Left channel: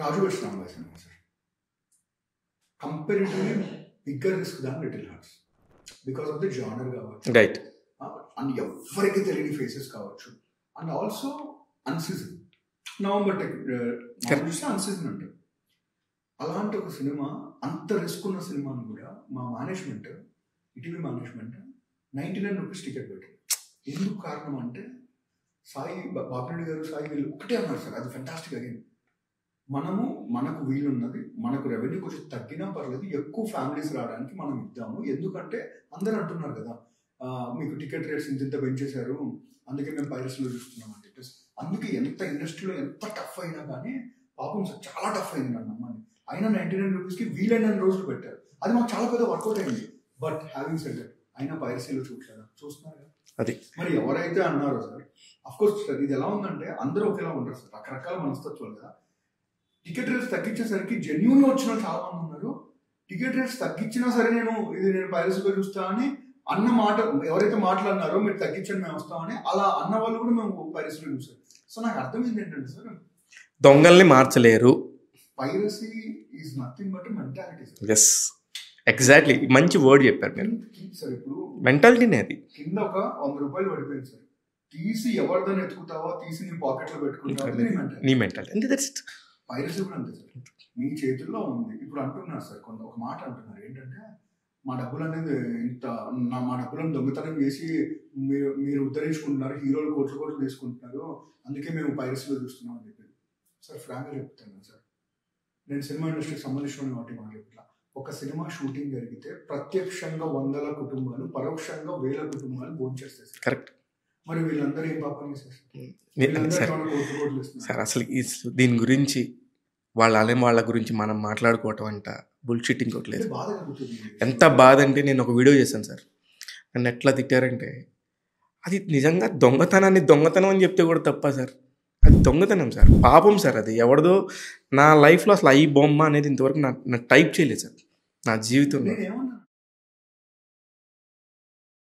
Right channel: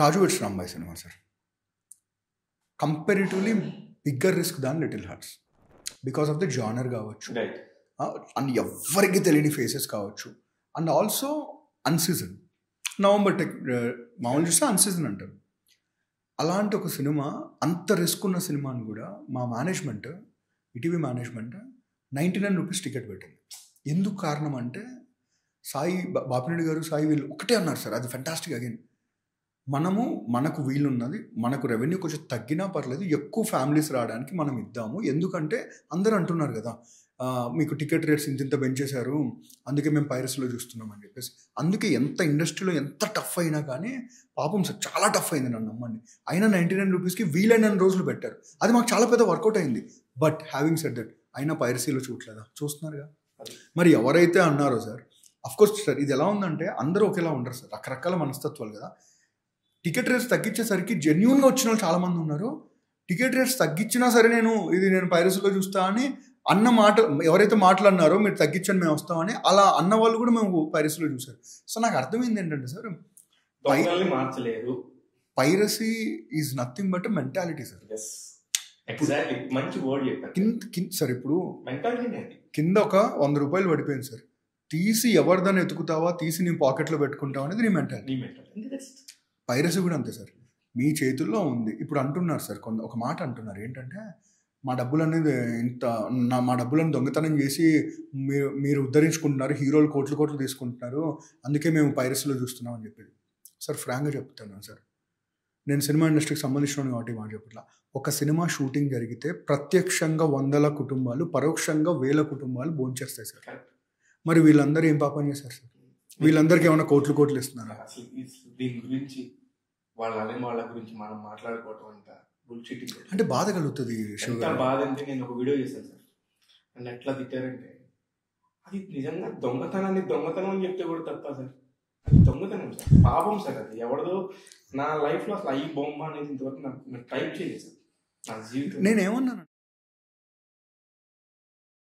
Raju weds Rambai cinema sir. Comparatively bigger risk than little hearts because of the genre కావచ్చు, right. And ఎవ్వరికి తెలియని faces కావచ్చు, and also అన్సీజన్. November మామూలు చూస్తే అన్సీజన్ అంటారు. అలాంటి ఒక సినిమా, అంత రిస్క్ ఉన్న సినిమాను కూడా మా management, ETV management 99 rupees ticket పెట్టింది. ఎందుకు కారణం అంటే సాయి బాపిరెడ్డి గారు, సాయి వీళ్ళు ఒకటే అన్నారు సార్, అది ఫెంటాస్టిక్. అగైన్ మనకు వీలున్నది, మనకు రెవెన్యూ కొంచెం తగ్గినా పర్లేదు, ఎక్కువ ఫ్యామిలీస్ రావడానికి మనం ఇద్దాము. ఎందుకంటే అందరూ అంటున్నారు కదా, మీకు టికెట్ రేట్స్ ఇంత పెంచేశారు, అందుకే మేము పైరసీలో చూస్తున్నాం అని చెప్పేసి. అందుకే ఎంత ఇండస్ట్రీలో ఎంత టఫ్ అయినా కానీ, పాపం సార్ చాలా టఫ్ అయింది, నన్ను నమ్మండి. అయినా 99 రూపీస్కి వీలైన రోజులు పెట్టారు. అది మాకు చాలా పెద్ద వర్కౌట్ అయింది. బట్ హ్యావింగ్ సెడ్ దట్, అయినా పైరసీలో చూడలేదా? చూస్తున్నారుగా. అది మరి ఎవరైతే అన్నారో సార్, అఫ్కోర్స్ సార్ ఇది ఎలా ఉందంటే అందరూ ఒకేలా ఉండరు సార్, రకరకాల మనస్తత్వాలు కదా. టికెట్ రేట్స్ తగ్గించేసరికి జెన్యూన్గా వచ్చిన వాళ్ళు చాలామంది ఉన్నారు. టికెట్ రేట్స్ తగ్గించినా సరే నేను పైరసీలో చూస్తా అని అన్న మాట ఎవరైతే మాట్లాడినారో, మీరు తగ్గించండి మేము వస్తామని, అలా అన్న వాళ్ళు కూడా మేము పైరసీలో చూసారు. సో నాకు అర్థమైంది ఏంటంటే సార్, దొంగల్ని మార్చలేరు. Piracy is nothing but mentality sir. Yes, exactly, మంచి వర్డ్ చెప్పారు సార్. ఇప్పుడు మెంటాలిటీనే అది. కింద ఒక 100 రూపాయలు పడిపోయింది సార్, తీసి ఎవరిదని ఎత్తుకుతావా, తీసి నీ పాకెట్లో పెట్టుకుంటావా అనేది నీ మెంటాలిటీ. పైరసీ కూడా అంతే సార్, మీ చేతుల్లో ఉంది. ఇప్పుడు అంటున్నారు సార్, ఒక మాట అంటున్నారు ఏంటంటే, మా డబ్బులు అనేది మా డబ్బులను దొంగతనం చేసి మీరు ఉద్ధరించుకుంటున్నారు, హీరోలు కోట్లు తీసుకుంటున్నారు, అందుకే మేము పైరసీలో చూస్తున్నాం అని చెప్పేది. సార్ ఫ్రాంక్గా చెప్తున్నాను సార్, నేను సినిమా ఇండస్ట్రీకి సంబంధించిన కాబట్టి మాట చెప్పట్లా. ఒక సినిమా షూటింగ్ జరిగితే ప్రత్యక్షంగా 100 కుటుంబాలు, పరోక్షంగా 1000 కుటుంబాలు భోంచేస్తాయి సార్. కరెక్ట్. మరి వీళ్ళందరూ ఏం పాపం చేశారు సార్? వీళ్ళందరికీ ఏమైనా కోట్లు ఇస్తున్నారు సార్? అసలు దీని గురించి వాళ్ళ గురించి మనం మాట్లాడుకోవటం అంట బుల్షిట్టింగ్ కొట్టలేదు. బాధ కలుగుతుంది. ఎంత బాధ అంటే, నేను ఒక వీడియో చేశాను సార్, నన్ను ఎట్లా తిట్టారంటే, అది నిజంగా దొంగతనం అని చెప్తే కూడా తప్ప సార్, అది దొంగతనం సార్, పాపం సార్. అది ఎవరిదో. నా లైఫ్లో అసలు ఈ బొమ్మ అనేది ఇంతవరకు నా టైప్ చేయలేదు సార్ నా జీవితం. నేనేమన్నాను